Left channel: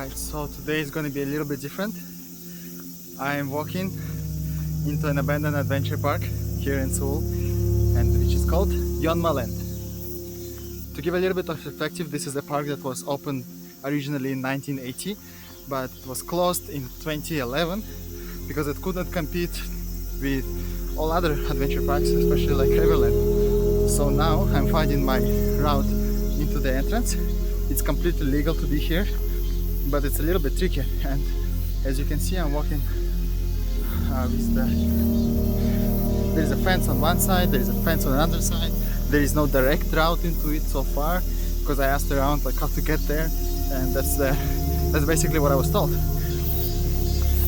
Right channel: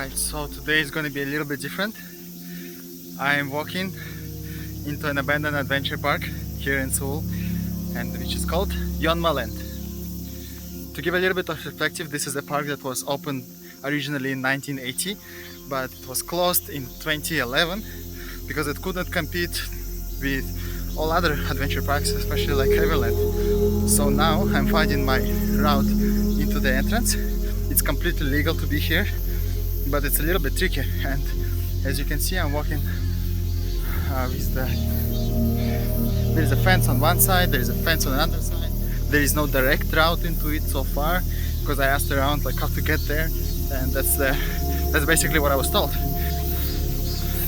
Alright, so today is going to be a little bit different. I am walking into an abandoned adventure park here in Seoul, and which is called Yongma Land. To give a little bit of perspective, this is a park that was opened originally in 1980, but it was closed in 2011 because it couldn't compete with all other adventure parks, especially like Riverland. So now I'm finding my route into the entrance. It's completely legal to be here, but it's a little bit tricky, and as you can see I'm walking with there is a fence on one side, there is a fence on another side. There is no direct route into it so far because I asked around like how to get there, and that's basically what I was told.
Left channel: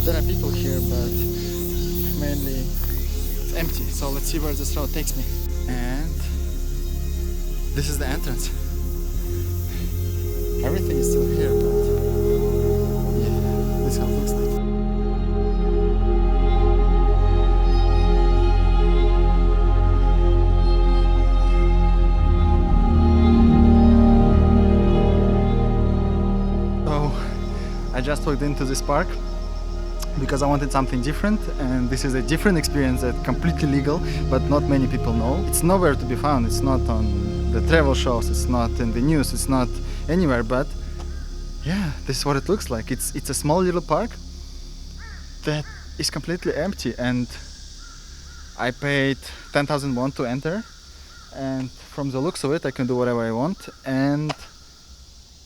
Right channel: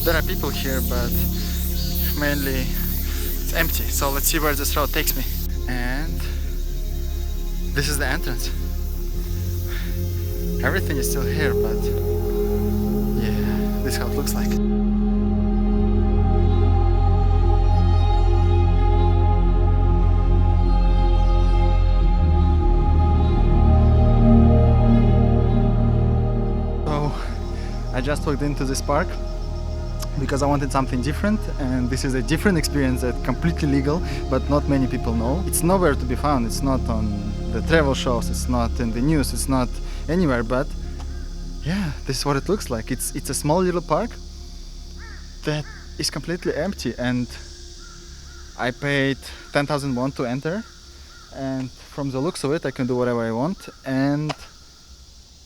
There are people here, but mainly it's empty, so let's see where this route takes me. And this is the entrance. Everything is still here, but yeah, this is how it looks like. So I just walked into this park because I wanted something different, and this is a different experience that's completely legal, but not many people know. It's nowhere to be found. It's not on the travel shows, it's not in the news, it's not anywhere, but yeah, this is what it looks like. It's a small little park that is completely empty, and I paid 10,000 won to enter, and from the looks of it I can do whatever I want. And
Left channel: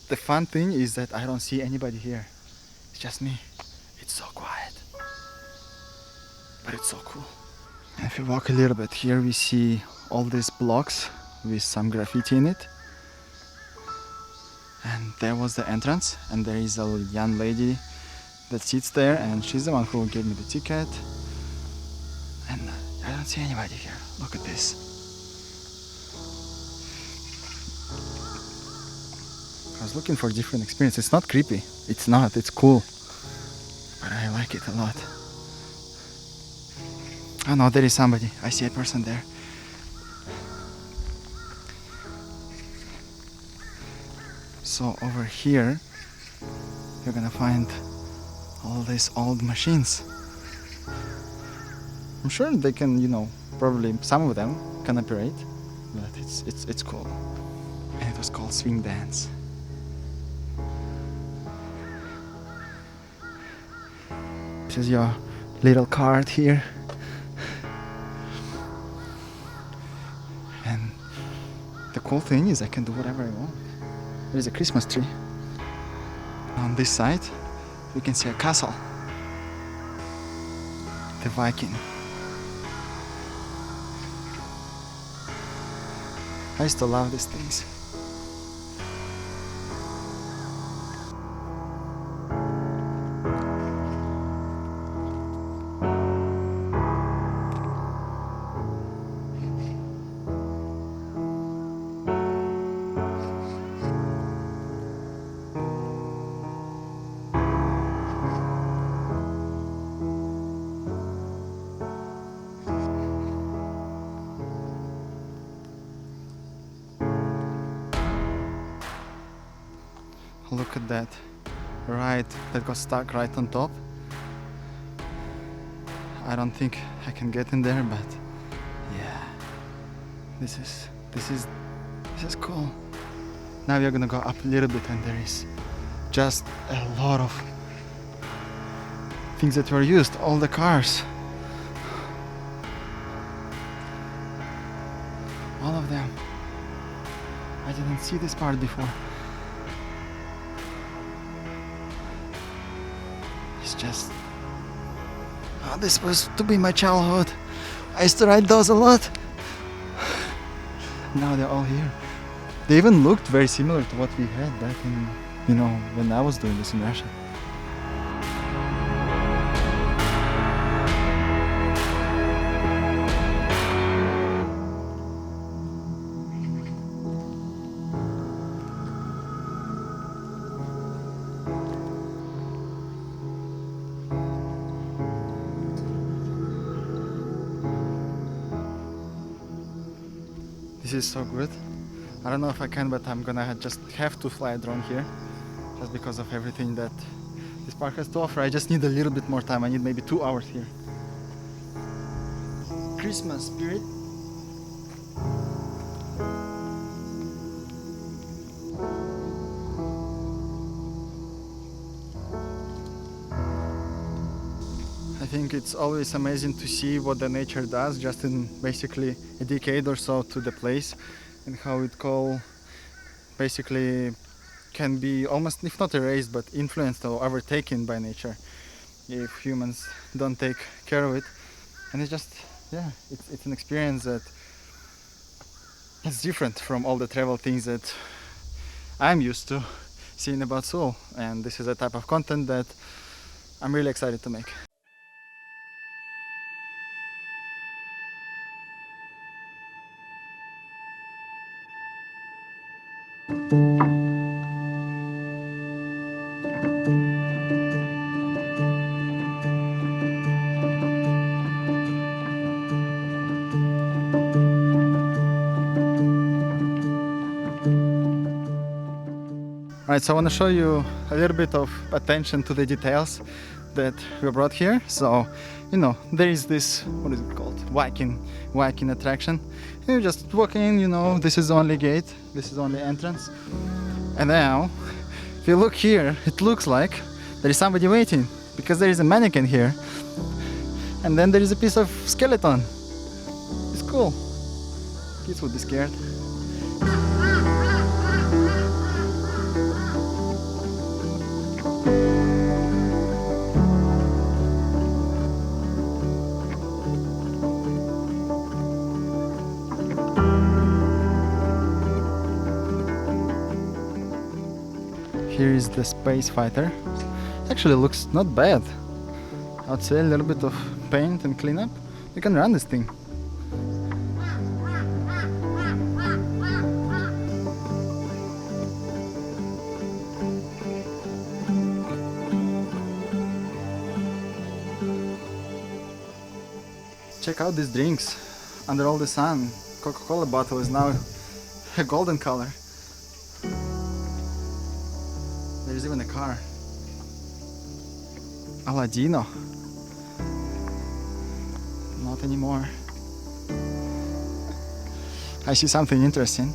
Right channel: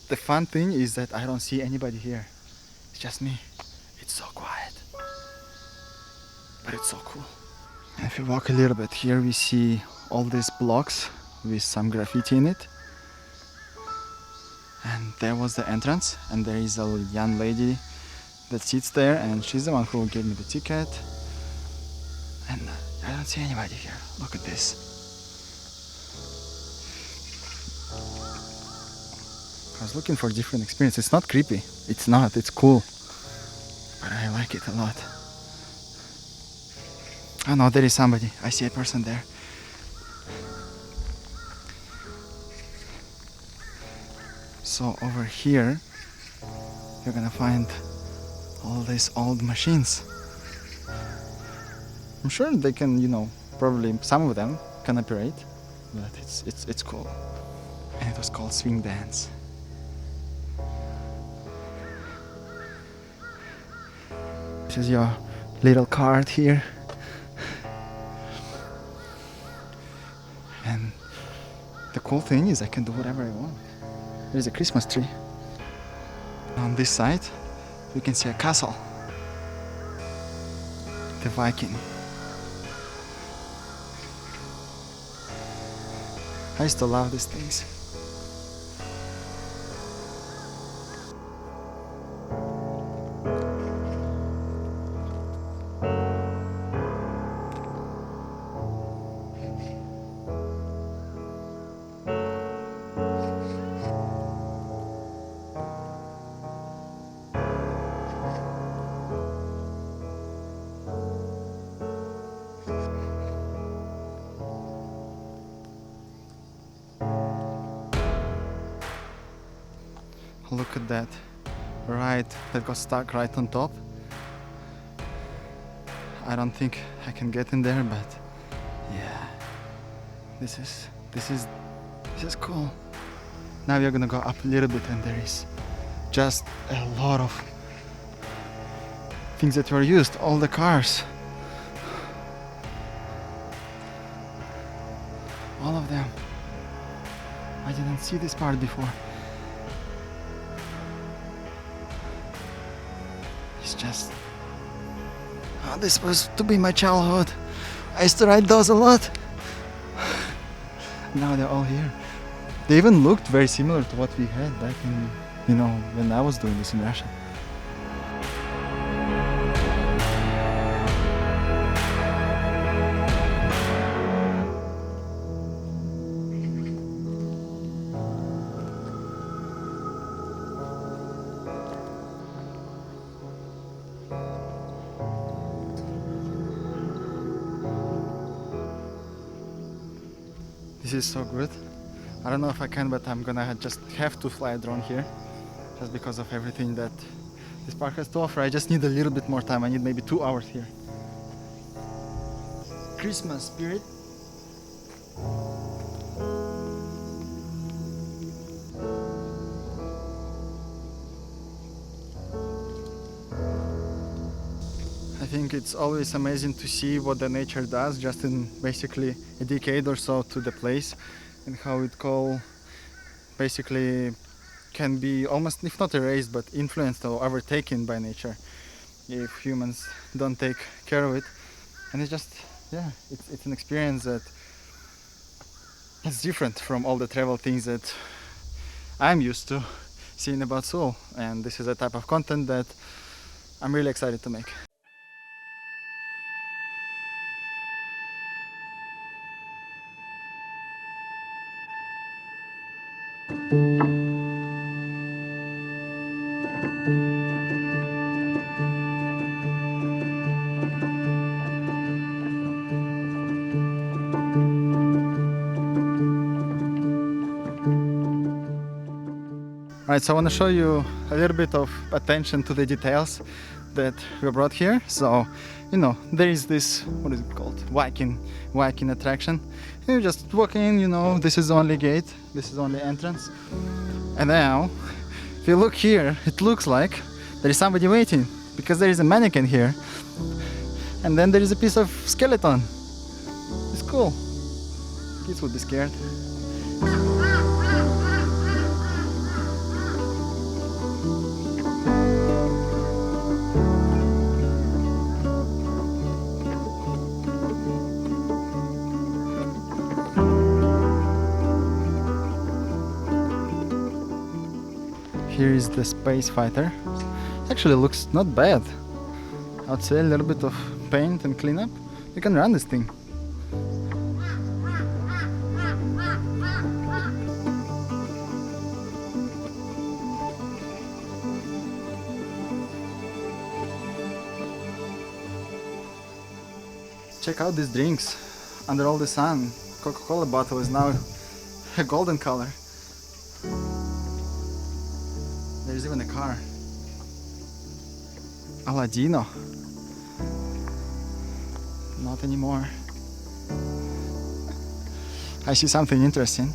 the fun thing is that I don't see anybody here. It's just me. It's so quiet, but it's so cool. And if you walk a little bit here, we see all these blocks with some graffiti in it. And there was the entrance, and there is a young lady that sits there, and she's the one who gave me the ticket. And I don't see anybody here. Look at this. I was looking for a different experience. It's not creepy. It's not. It's cool. But I like it a lot. Oh no, there is somebody. I see a person there. So over here, you're gonna find all these old machines. I'm sure they can, probably some of them can operate, but it's cool. And it was called swing dance. This is your little card here. And the cool thing is I can do whatever I want. There's a Christmas tree. On this side, we can see a castle. The Viking. I used to love these things. Look at that ride that got stuck right on top. I don't think I can get in there, but yeah, this is cool. Now we are gonna go up a little bit, and there is just a lot of things that were used, all the cars, all of them. I didn't see this part before. It's just, this was to be my childhood. I used to ride those a lot. Now they're all here. They even looked very similar to what we had back in, when I was doing this in Russia. This is so good. I don't know if I can, but I'm gonna just have to fly a drone here just because of everything that this park has to offer. I just need a little bit more time. I need maybe 2 hours here. Christmas spirit. I think it's always amazing to see what the nature does just in basically a decade or so to the place, and how it basically can be almost, if not erased, but influenced or overtaken by nature if humans don't take care of it. And it's just, yeah, it's an experience that it's different from all the travel things that I'm used to seeing about Seoul, and this is a type of content that I'm really excited to make. Alright, so I want to show you a little bit of attention to the details that we brought here. So, you know, there is this, what is it called? Viking attraction. You just walk in, you know, this is the only gate, this is the only entrance. And now, if you look here, it looks like there is somebody waiting, because there is a mannequin here. And then there is a piece of skeleton. It's cool. Kids would be scared. Here is the space fighter. Actually looks not bad. I'd say a little bit of paint and cleanup. You can run this thing. Check out these drinks. Under all the sun, Coca-Cola bottle is now a golden color. There's even a car. Aladino. Not anymore. I see something interesting.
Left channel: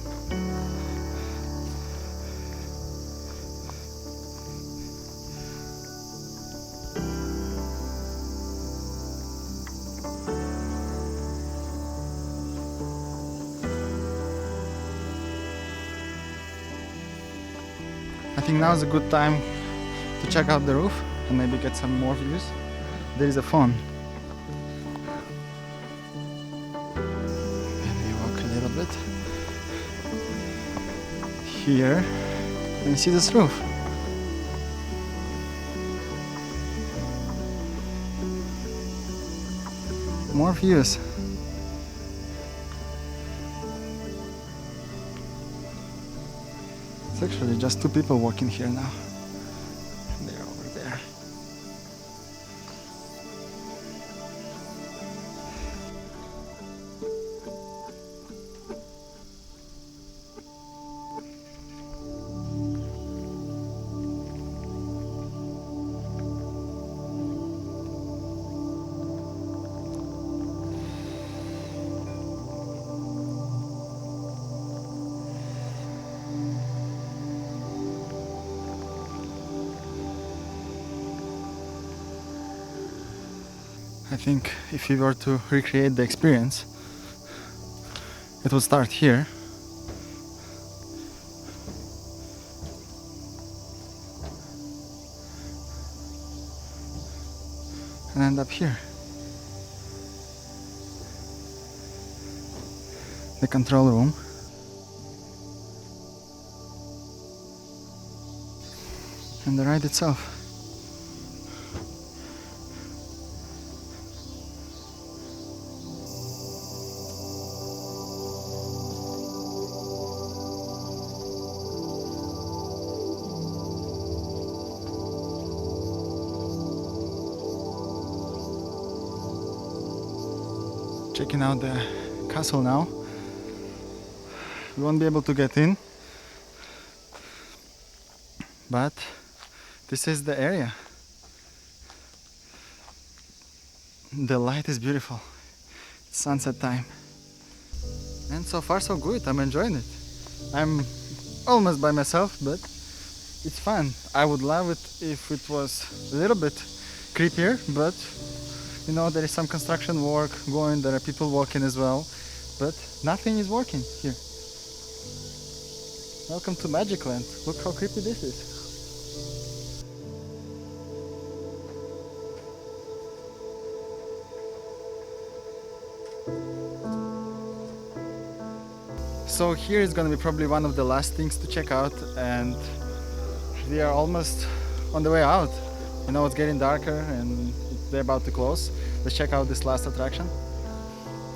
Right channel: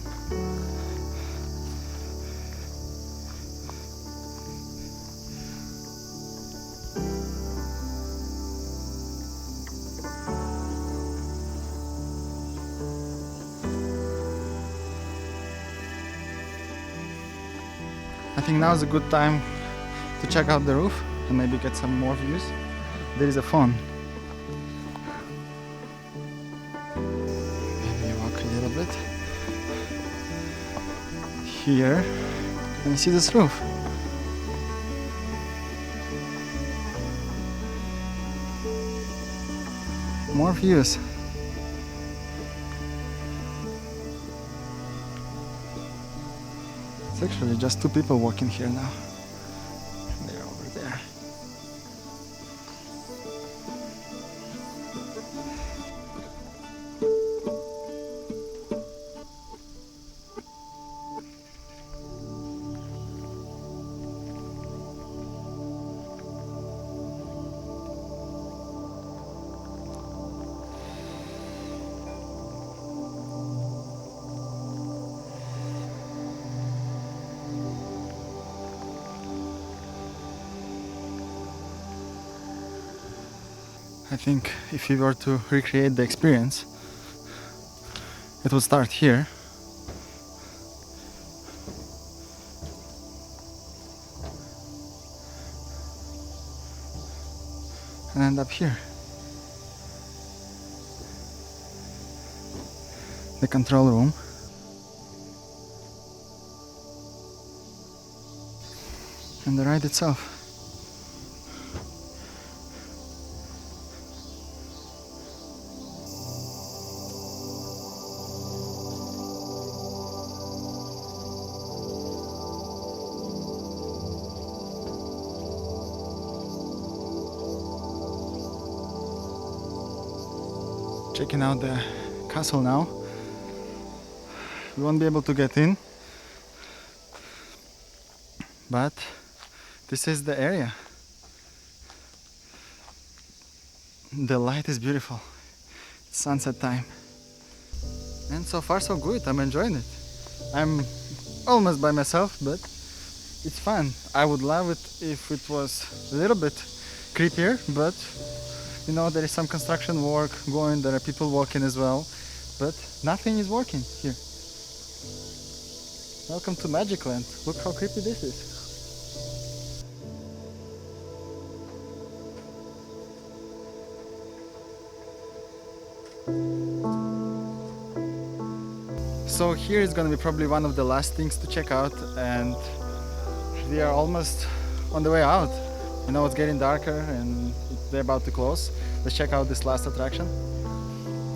I think now is a good time to check out the roof and maybe get some more views. There is a phone. Maybe walk a little bit. Here, and you see this roof. More views. It's actually just 2 people walking here now. They're over there. I think if you were to recreate the experience, it would start here. And end up here. The control room. And the ride itself. Checking out the castle now. We won't be able to get in but this is the area. The light is beautiful. It's sunset time. And so far so good, I'm enjoying it. I'm almost by myself, but it's fun. I would love it if it was a little bit creepier, but you know, there is some construction work going, there are people walking as well, but nothing is working here. Welcome to Magic Land. Look how creepy this is. So here is gonna be probably one of the last things to check out, and we are almost on the way out. You know, it's getting darker and they're about to close. Let's check out this last attraction.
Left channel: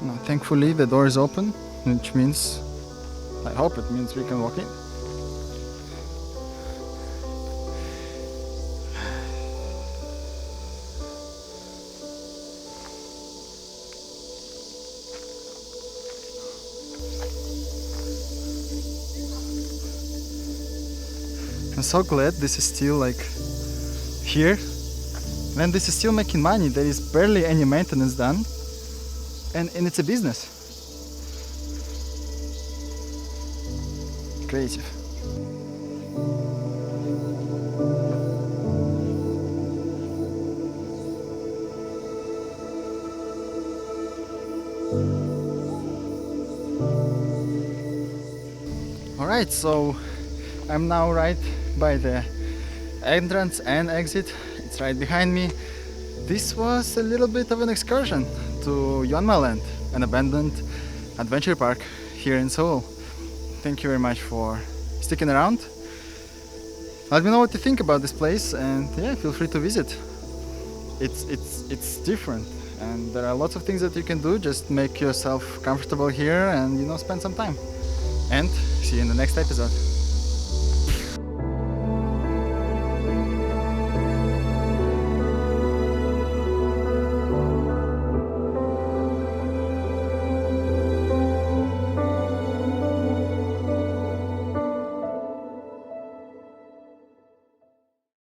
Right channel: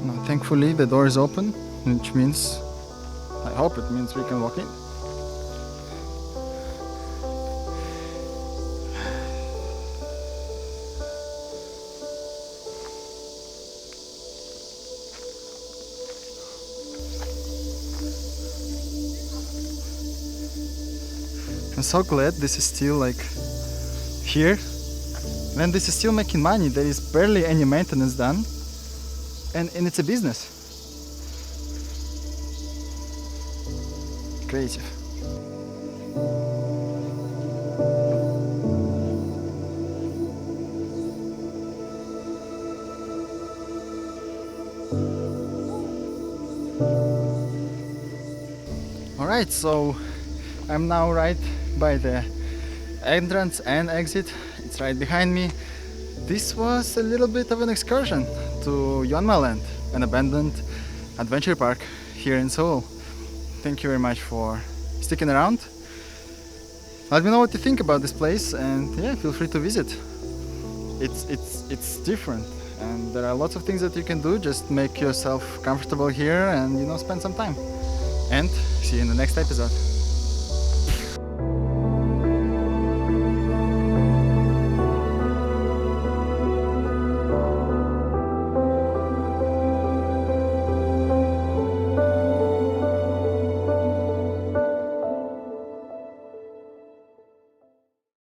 Now, thankfully the door is open, which means, I hope it means we can walk in. I'm so glad this is still like here, when this is still making money. There is barely any maintenance done, and it's a business. Creative. Alright, so I'm now right by the entrance and exit. It's right behind me. This was a little bit of an excursion to Yongma Land, an abandoned adventure park here in Seoul. Thank you very much for sticking around. Let me know what you think about this place, and yeah, feel free to visit. It's different, and there are lots of things that you can do. Just make yourself comfortable here and, you know, spend some time. And see you in the next episode.